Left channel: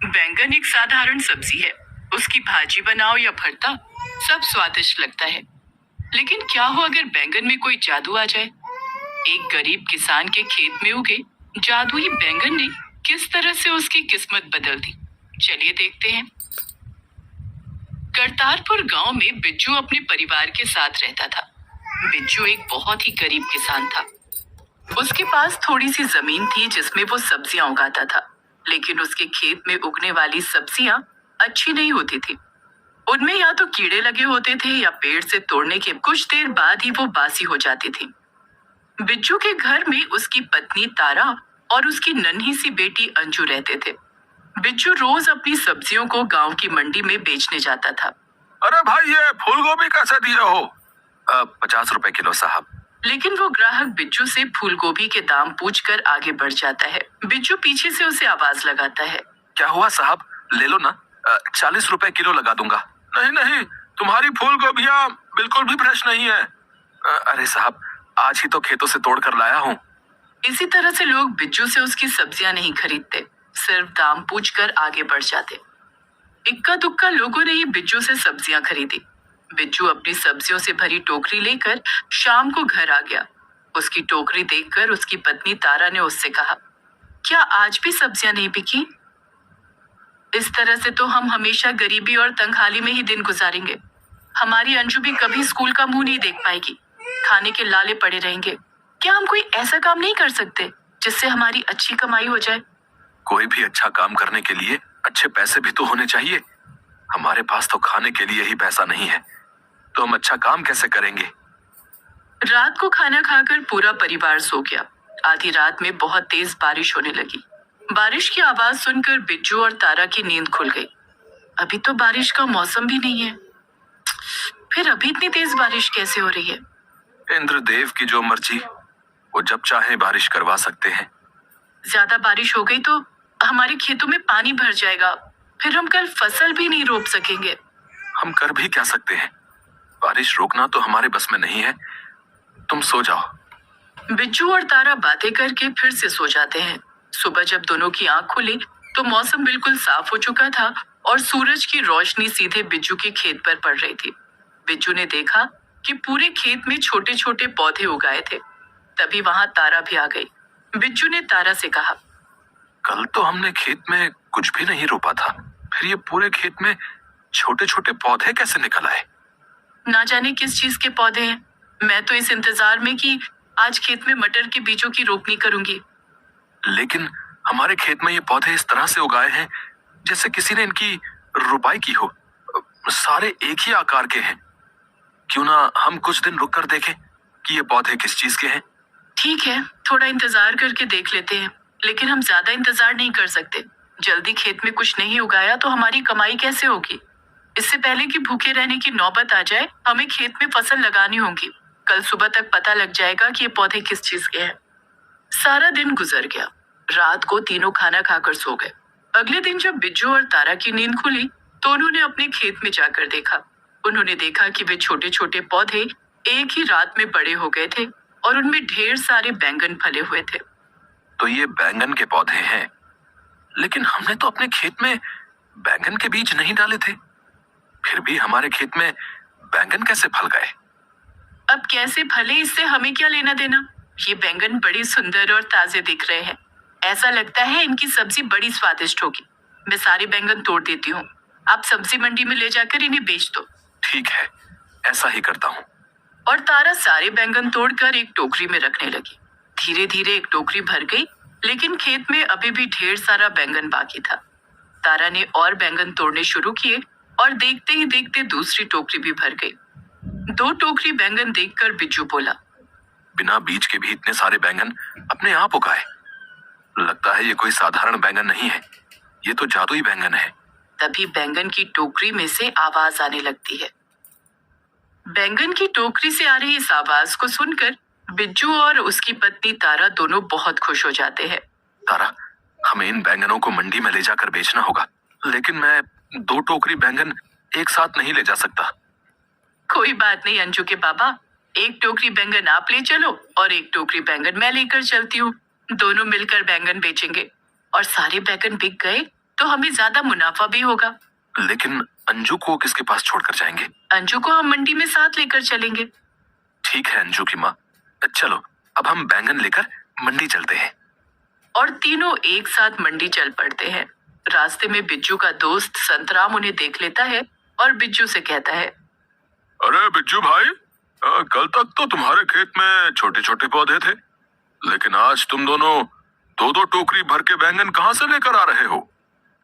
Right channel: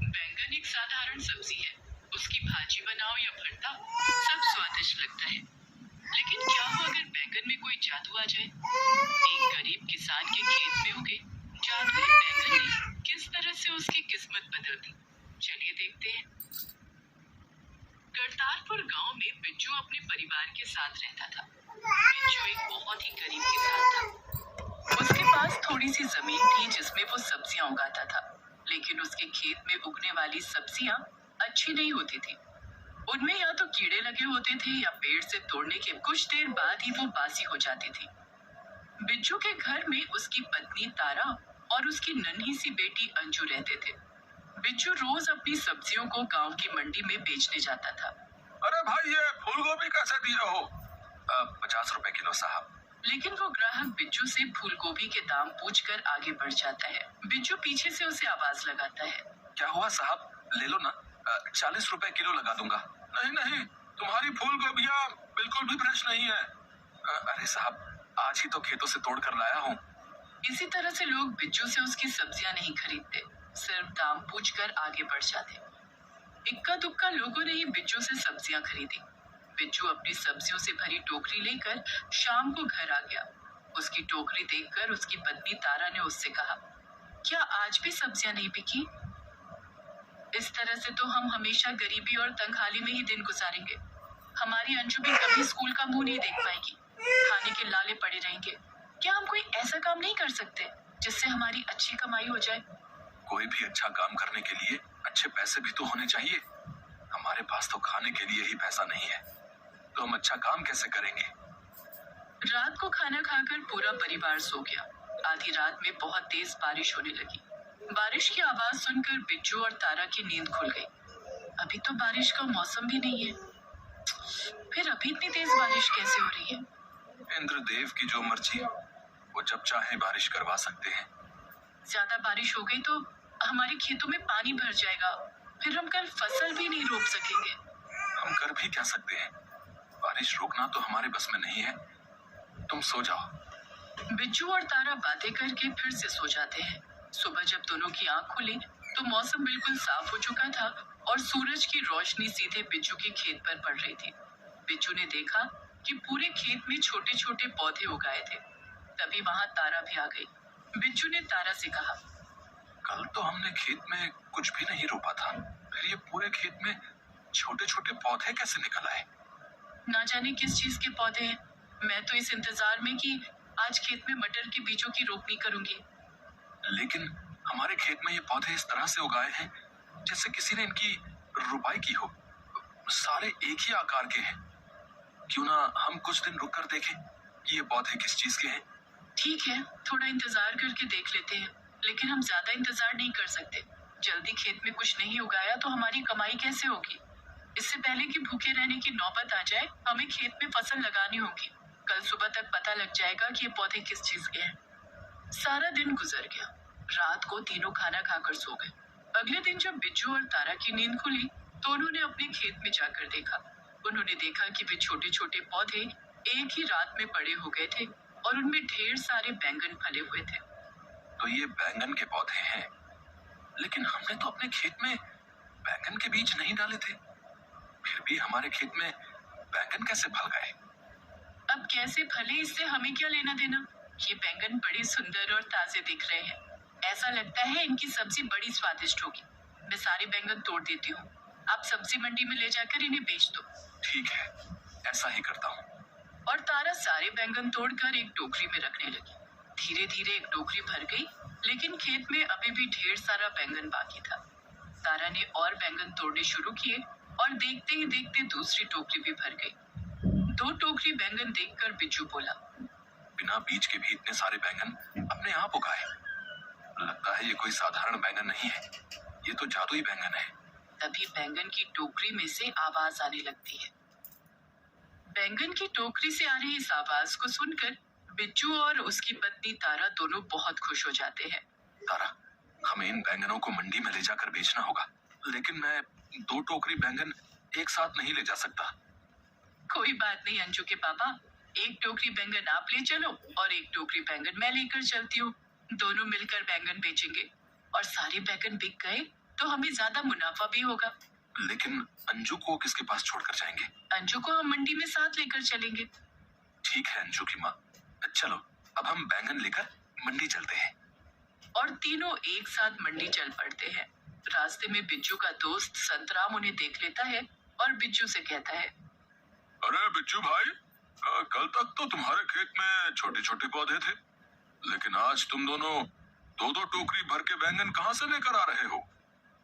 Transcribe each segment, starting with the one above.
बैंगन एक साधारण सब्जी है। उसकी भाजी बनाओ या भरता, सब स्वादिष्ट लगता है। लेकिन क्या हो अगर बैंगन में कोई जादू आ जाए? एक गरीब किसान के खेत में उगे जादुई बैंगन ने किस तरह से उसकी किस्मत बदल दी, चलिए देखते हैं। करतारपुर गांव में बिज्जू अपने परिवार के साथ रहता था। बिज्जू एक बहुत ही गरीब किसान था। उसके पास थोड़ी सी जमीन थी जिसमें वो सब्जियां उगाता था, लेकिन उसके खेत में उगने वाली सब्जियां अच्छी नहीं होती थी। उनमें या तो कीड़े लगे होते थे या पेड़ से तोड़ने के कुछ देर बाद ही वो बासी हो जाती थी। बिज्जू के घर में उसकी पत्नी तारा और उसकी नन्ही सी बेटी अंजू रहते थे। बिज्जू रोज अपनी सब्जियों को गांव की मंडी में बेचने जाता था। अरे भाई, ये फूल गोभी कैसे दिए हो? 50 रुपए किलो साहब। लेकिन वो ग्राहक बिज्जू से फूल गोभी के दाम पूछकर आगे बढ़ जाता है। बिज्जू पीछे से उसे आवाज लगाता है। क्या हुआ साहब, ले लो ना, 40 रुपए किलो लगा दूंगा। नहीं नहीं, तुम्हारी फूल गोभियाँ बिल्कुल भी फ्रेश नहीं है। अरे साहब, आज ही तो खेतों से तोड़ कर लाया हूँ। इसी तरह से लोग बिज्जू से उसकी सब्जियां नहीं खरीदते, सिर्फ दाम पूछकर आगे बढ़ जाते। इक्का दुक्का लोगों ने ही बिज्जू से सब्जियां खरीदी। बिज्जू अपनी सब्जियों से भरी टोकरी लेकर शाम को घर आ गया। उसकी टोकरी देखकर उसकी पत्नी तारा ने उससे कहा, क्या आज भी सब्जियां नहीं बिकी? इस तरह से तो हम हमेशा गरीबी और तंगहाली में ही दिन गुजारेंगे। हमारी अंजू भी कभी स्कूल का मुंह नहीं देख पाएगी, खाने के लाले पड़े रहेंगे। क्या हम कोई ऐसा काम नहीं कर सकते जिससे हमारी अच्छी कमाई हो जाए? कोई भी अच्छा काम करने के लिए अच्छे पैसे भी तो होने चाहिए। हमारे पास तो खाने के लिए ही पैसा नहीं है, तो हम अच्छा काम कैसे करेंगे? रात को खाना खाकर पूरा परिवार सो गया। आधी रात में बहुत तेज बारिश होने लगी। बारिश की आवाज सुनकर बिज्जू और तारा की नींद खुल गई। अभी तो बारिश का मौसम भी नहीं है, फिर अभी इतनी तेज बारिश कैसे हो रही है? इंद्रदेव की जो मर्जी, वो जब चाहे बारिश करवा सकते हैं। ज्यादा बारिश हो गई तो हमारे खेतों में पानी भर जाएगा, फिर हम कल फसल भी नहीं रोप सकेंगे। हम कर भी क्या सकते हैं? बारिश रोकना तो हमारे बस में नहीं है। तुम सो जाओ। बिज्जू और तारा बातें करके फिर से सो जाते हैं। सुबह जब दोनों की आंख खुली तो मौसम बिल्कुल साफ हो चुका था और सूरज की रोशनी सीधे बिज्जू के खेत पर पड़ रही थी। बिज्जू ने देखा कि पूरे खेत में छोटे छोटे पौधे उगाए थे। तभी वहां तारा भी आ गई। बिज्जू ने तारा से कहा, कल तो हमने खेत में कुछ भी नहीं रोपा था, फिर ये पूरे खेत में छोटे छोटे पौधे कैसे निकल आए? ना जाने किस चीज के पौधे हैं। मैं तो इस इंतजार में कि आज खेत में मटर के बीजों की रोपनी करूंगी। लेकिन हमारे खेत में ये पौधे इस तरह से उगाए हैं जैसे किसी ने इनकी रुपाई की हो। सारे एक ही आकार के हैं। क्यों ना हम कुछ दिन रुक कर देखें कि ये पौधे किस चीज के हैं? ठीक है, थोड़ा इंतजार करके देख लेते हैं, लेकिन हम ज्यादा इंतजार नहीं कर सकते। जल्दी खेत में कुछ नहीं उगाया तो हमारी कमाई कैसे होगी? इससे पहले कि भूखे रहने की नौबत आ जाए, हमें खेत में फसल लगानी होगी। कल सुबह तक पता लग जाएगा कि ये पौधे किस चीज के हैं। सारा दिन गुजर गया। रात को तीनों खाना खाकर सो गए। अगले दिन जब बिज्जू और तारा की नींद खुली तो उन्होंने अपने खेत में जाकर देखा। उन्होंने देखा कि वे छोटे छोटे पौधे एक ही रात में बड़े हो गए थे और उनमें ढेर सारे बैंगन फले हुए थे। तो ये बैंगन के पौधे हैं, लेकिन हमने तो अपने खेत में बैंगन के बीज नहीं डाले थे। फिर भी हमारे खेत में बैंगन कैसे फल गए? अब कैसे फले इससे हमें क्या लेना देना? ये बैंगन बड़े सुंदर और ताजे दिख रहे हैं। ऐसा लगता है इनकी सब्जी बड़ी स्वादिष्ट होगी। मैं सारे बैंगन तोड़ देती हूँ। आप सब्जी मंडी में ले जाकर इन्हें बेच दो। ठीक है, ऐसा ही करता हूँ। और तारा सारे बैंगन तोड़कर एक टोकरी में रखने लगी। धीरे धीरे एक टोकरी भर गई, लेकिन खेत में अभी भी ढेर सारा बैंगन बाकी था। तारा ने और बैंगन तोड़ने शुरू किए और देखते ही देखते दूसरी टोकरी भी भर गई। 2 टोकरी बैंगन देखकर बिज्जू बोला, बिना बीज के भी इतने सारे बैंगन अपने आप उगाए। लगता है ये कोई साधारण बैंगन नहीं है, ये तो जादुई बैंगन है। तभी बैंगन की टोकरी में से आवाज आने लगती है। बैंगन की टोकरी से आ रही इस आवाज को सुनकर बिज्जू और उसकी पत्नी तारा दोनों बहुत खुश हो जाते हैं। तारा, हमें इन बैंगनों को मंडी में ले जाकर बेचना होगा, लेकिन मैं 2 टोकरी बैंगन एक साथ नहीं ले जा सकता। कोई बात नहीं अंजू के बाबा, एक टोकरी बैंगन आप ले चलो और एक टोकरी बैंगन मैं लेकर चलती हूँ। दोनों मिलकर बैंगन बेचेंगे। और सारे बैंगन बिक गए तो हमें ज्यादा मुनाफा भी होगा। लेकिन अंजू को किसके पास छोड़कर जाएंगे? अंजू को हम मंडी में साथ लेकर चलेंगे। ठीक है अंजू की माँ, चलो अब हम बैंगन लेकर मंडी चलते हैं। और तीनों एक साथ मंडी चल पड़ते हैं। रास्ते में बिज्जू का दोस्त संतराम उन्हें देख लेता है और बिज्जू से कहता है, अरे बिज्जू भाई, कल तक तो तुम्हारे खेत में छोटे छोटे पौधे थे, लेकिन आज तुम दोनों दो दो टोकरी भर के बैंगन कहाँ से लेकर आ रहे हो?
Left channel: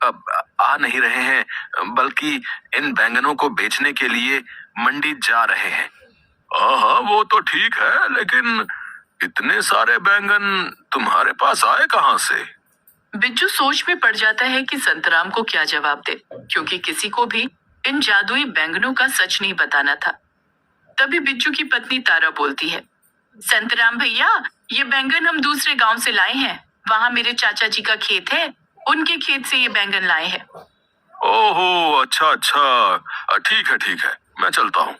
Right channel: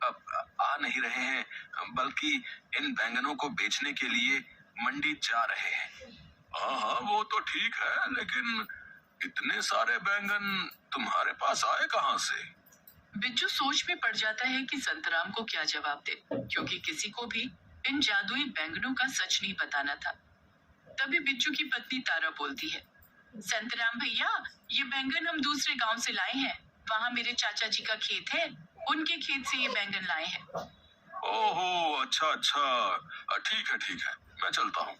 अब आ नहीं रहे हैं, बल्कि इन बैंगनों को बेचने के लिए मंडी जा रहे हैं। हाँ वो तो ठीक है, लेकिन इतने सारे बैंगन तुम्हारे पास आए कहाँ से? बिज्जू सोच में पड़ जाता है कि संतराम को क्या जवाब दे, क्योंकि किसी को भी इन जादुई बैंगनों का सच नहीं बताना था। तभी बिज्जू की पत्नी तारा बोलती है, संतराम भैया, ये बैंगन हम दूसरे गांव से लाए हैं। वहाँ मेरे चाचा जी का खेत है, उनके खेत से ये बैंगन लाए हैं। ओहो अच्छा अच्छा, ठीक है, मैं चलता हूँ।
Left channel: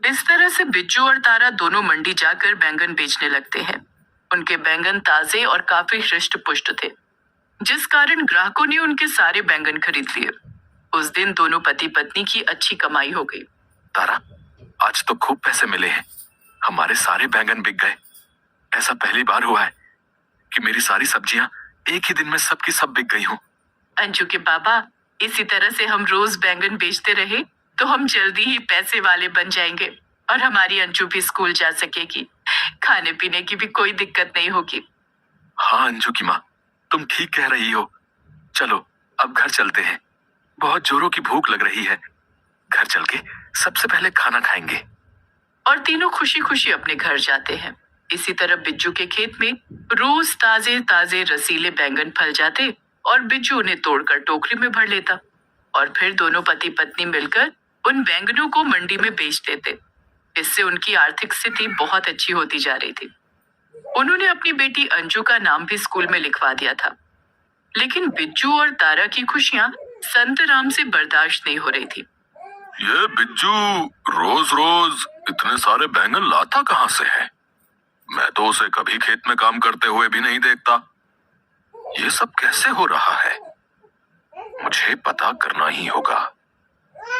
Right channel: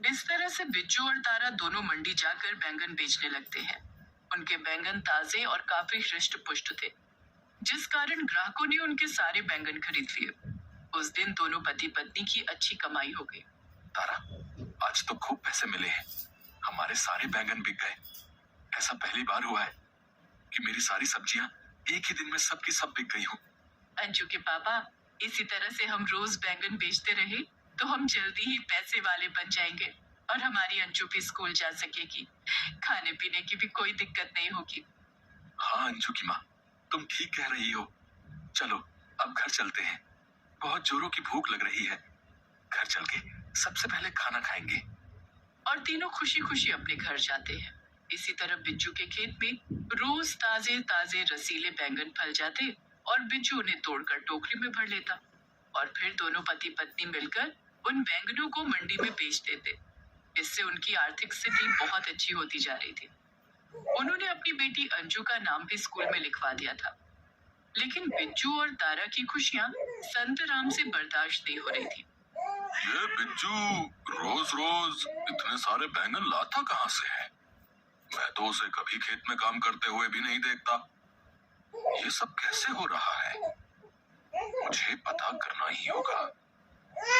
इस तरह से बिज्जू और तारा दोनों मंडी जाकर बैंगन बेचने लगते हैं। उनके बैंगन ताजे और काफी हृष्ट पुष्ट थे, जिस कारण ग्राहकों ने उनके सारे बैंगन खरीद लिए। उस दिन दोनों पति पत्नी की अच्छी कमाई हो गई। तारा, आज तो खूब पैसे मिले हैं, हमारे सारे बैंगन बिक गए। ऐसा पहली बार हुआ है कि मेरी सारी सब्जियां एक ही दिन में सबकी सब बिक गई हूँ। अंजू के बाबा, इसी तरह से हम रोज बैंगन बेचते रहे तो हम जल्दी ही पैसे वाले बन जाएंगे और हमारी अंजू भी स्कूल जा सकेगी। खाने पीने की भी कोई दिक्कत नहीं होगी। हाँ अंजू की माँ, तुम ठीक कह रही हो। चलो अब घर चलते हैं, बहुत जोरों की भूख लग रही है। घर चल के सबसे पहले खाना खाएंगे। और तीनों खुशी खुशी अपने घर जाते हैं। इसी तरह बिज्जू के खेत में रोज ताजे ताजे रसीले बैंगन फल जाते और बिज्जू उन्हें तोड़कर टोकरी में भर लेता और फिर दोनों पति पत्नी मिलकर उन बैंगनों को मंडी में बेच देते। इससे उनकी आर्थिक स्थिति बहुत अच्छी होती जा रही थी। उन्होंने अपनी बेटी अंजू का नाम भी स्कूल में लिखवा दिया था। लेकिन बिज्जू और तारा की खुशियां संतराम से बर्दाश्त नहीं हो रही थी। ये बिज्जू रोज रोज इतने सारे बैंगन लाता कहाँ से है? मैं तो उसे कभी खेत में काम करते हुए भी नहीं देखता। ये सब कैसे हो रहा है? मुझे पता करना ही होगा।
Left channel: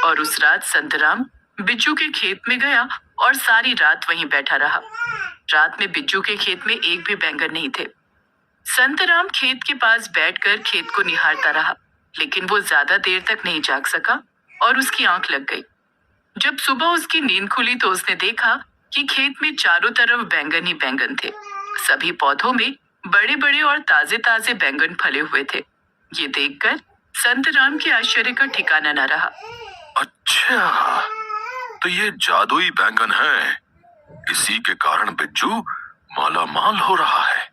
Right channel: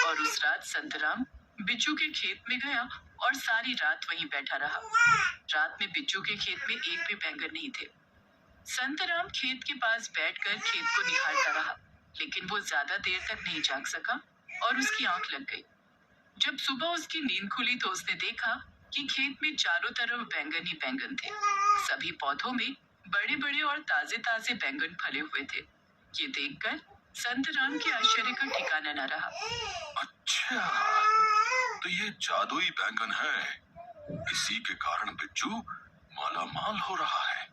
और उस रात संतराम बिज्जू के खेत में गया और सारी रात वहीं बैठा रहा। रात में बिज्जू के खेत में एक भी बैंगन नहीं थे। संतराम खेत के पास बैठकर खेत को निहारता रहा, लेकिन वो ज्यादा देर तक नहीं जाग सका और उसकी आंख लग गई। जब सुबह उसकी नींद खुली तो उसने देखा कि खेत में चारों तरफ बैंगन ही बैंगन थे। सभी पौधों में बड़े बड़े और ताजे ताजे बैंगन फले हुए थे। ये देखकर संतराम के आश्चर्य का ठिकाना न रहा। अच्छा, तो ये जादुई बैंगन है, इसी के कारण बिज्जू माला माल हो रहा है।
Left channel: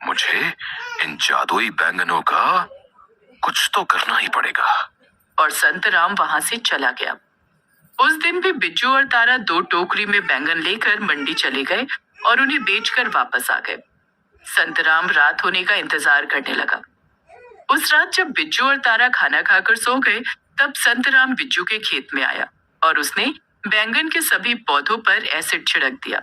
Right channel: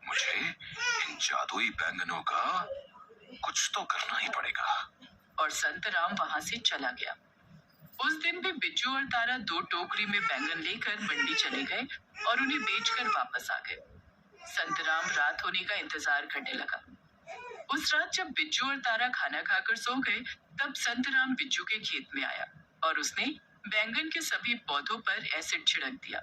मुझे इन जादुई बैंगनों का कुछ तो करना ही पड़ेगा। और संतराम वहां से चला गया। उस दिन भी बिज्जू और तारा 2 टोकरी में बैंगन लेकर मंडी चले गए और उन्हें बेचकर वापस आ गए। संतराम रात होने का इंतजार करने लगा। उस रात जब बिज्जू और तारा खाना खाकर सो गए, तब संतराम बिज्जू के खेत में आया और उसने बैंगन के सभी पौधों पर एसिड छिड़क दिया।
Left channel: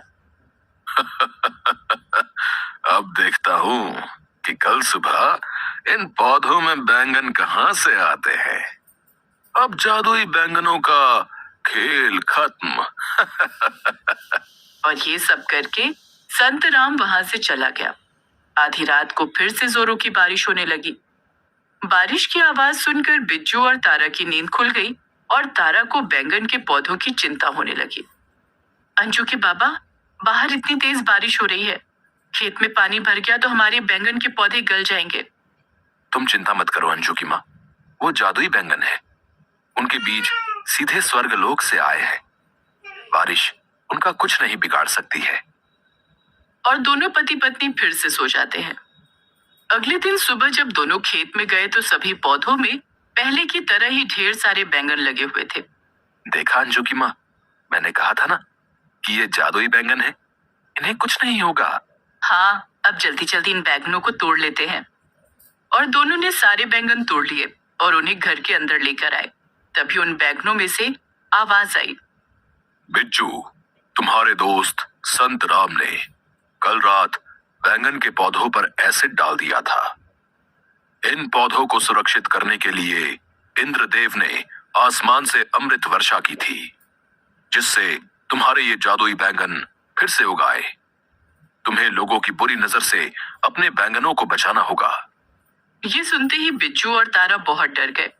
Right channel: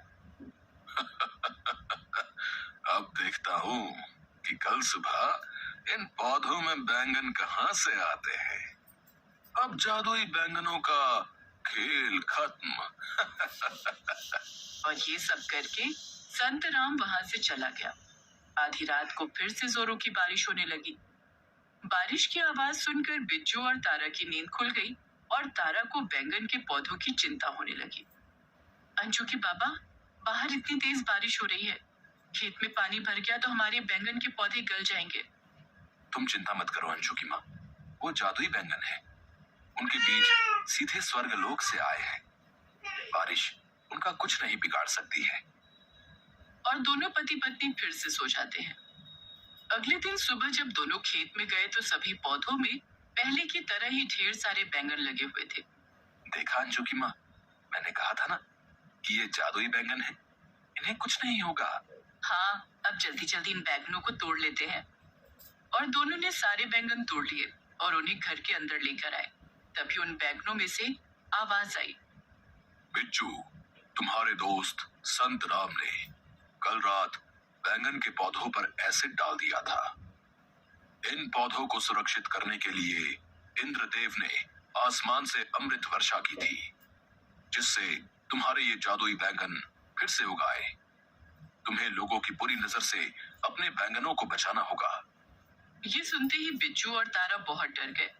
अब देखता हूँ कि कल सुबह इन पौधों में बैंगन कहाँ से आते हैं। अब जादुई बैंगनों का खेल खत्म। और ये सब करके संतराम वहां से चला गया। आधी रात को फिर से जोरों की बारिश होने लगी। बारिश की आवाज सुनकर बिज्जू और तारा की नींद खुल गई और तारा को बैंगन के पौधों की चिंता होने लगी। अंजू के बाबा, बाहर इतनी तेज बारिश हो रही है, खेत में पानी भर गया तो हमारे बैंगन के पौधे गल जाएंगे। तुम चिंता मत करो अंजू की माँ, वो जादुई बैंगन है। उनके बीज सीधे स्वर्ग लोक से आए हैं। बारिश उनका कुछ नहीं बिगाड़ सकती है। और दोनों पति पत्नी फिर से सो जाते हैं। अगले दिन सुबह जब दोनों खेत में गए तो सभी पौधों में पहले की तरह ही ढेर सारे बैंगन लगे हुए थे। देखा अंजू की माँ, मैंने कहा था ना कि ये जादुई बैंगन है, इन्हें कुछ नहीं होगा। हाँ, अब जल्दी जल्दी इन बैंगनों को तोड़ लेते हैं। और दोनों ने सारे बैंगन तोड़ लिए और उन्हें घर के अंदर लेकर आए। तभी उन बैंगनों में से आवाज आई, बिज्जू, तुम्हारे दोस्त संत राम ने कल रात बैंगन के पौधों पर एसिड डाल दिया था। इन पौधों को सुरक्षित करने के लिए इंद्रदेव ने आसमान से अमृत वर्षा की थी, जिससे तुम्हारे ये जादुई बैंगन फिर से उगाए। तुम्हें लोगों की बुरी नजर से अपने बैंगनों को बचाना होगा। ये सुनते ही बिज्जू और तारा बहुत डर गए।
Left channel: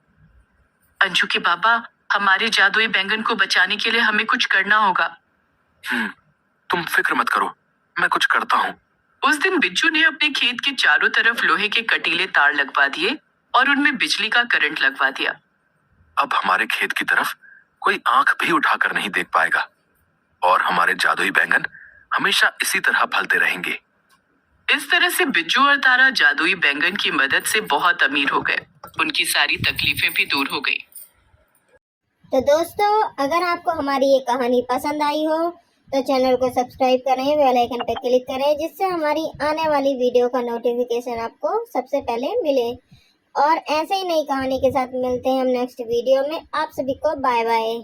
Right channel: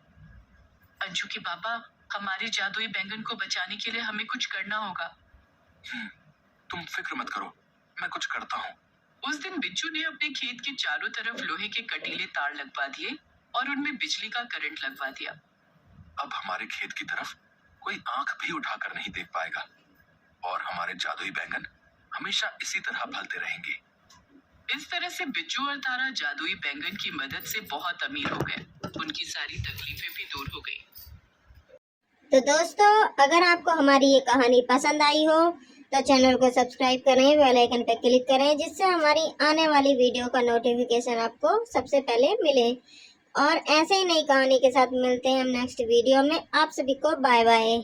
अंजू के बाबा, हमारे जादुई बैंगन को बचाने के लिए हमें कुछ करना होगा। तुम फिक्र मत करो, मैं कुछ करता हूँ। उस दिन बिज्जू ने अपने खेत के चारों तरफ लोहे के कटीले तार लगवा दिए और उनमें बिजली का करंट लगवा दिया। अब हमारे खेत की तरफ कोई आंख भी उठाकर नहीं देख पाएगा और हमारे जादुई बैंगन हमेशा इसी तरह फलते रहेंगे। इस तरह से बिज्जू और तारा जादुई बैंगन की मदद से बहुत अमीर हो गए। उनकी सारी तकलीफें भी दूर हो गई। तो दोस्तों, अगर आपको हमारी ये कहानी पसंद आई हो तो चैनल को सब्सक्राइब करें, बेल आइकन पर क्लिक करें, जिससे हमारी आने वाली वीडियो का नोटिफिकेशन आपको सबसे पहले मिले। और ऐसे ही नई कहानी के साथ मिलते हैं हम नेक्स्ट वीडियो में। आप सभी को बाय बाय।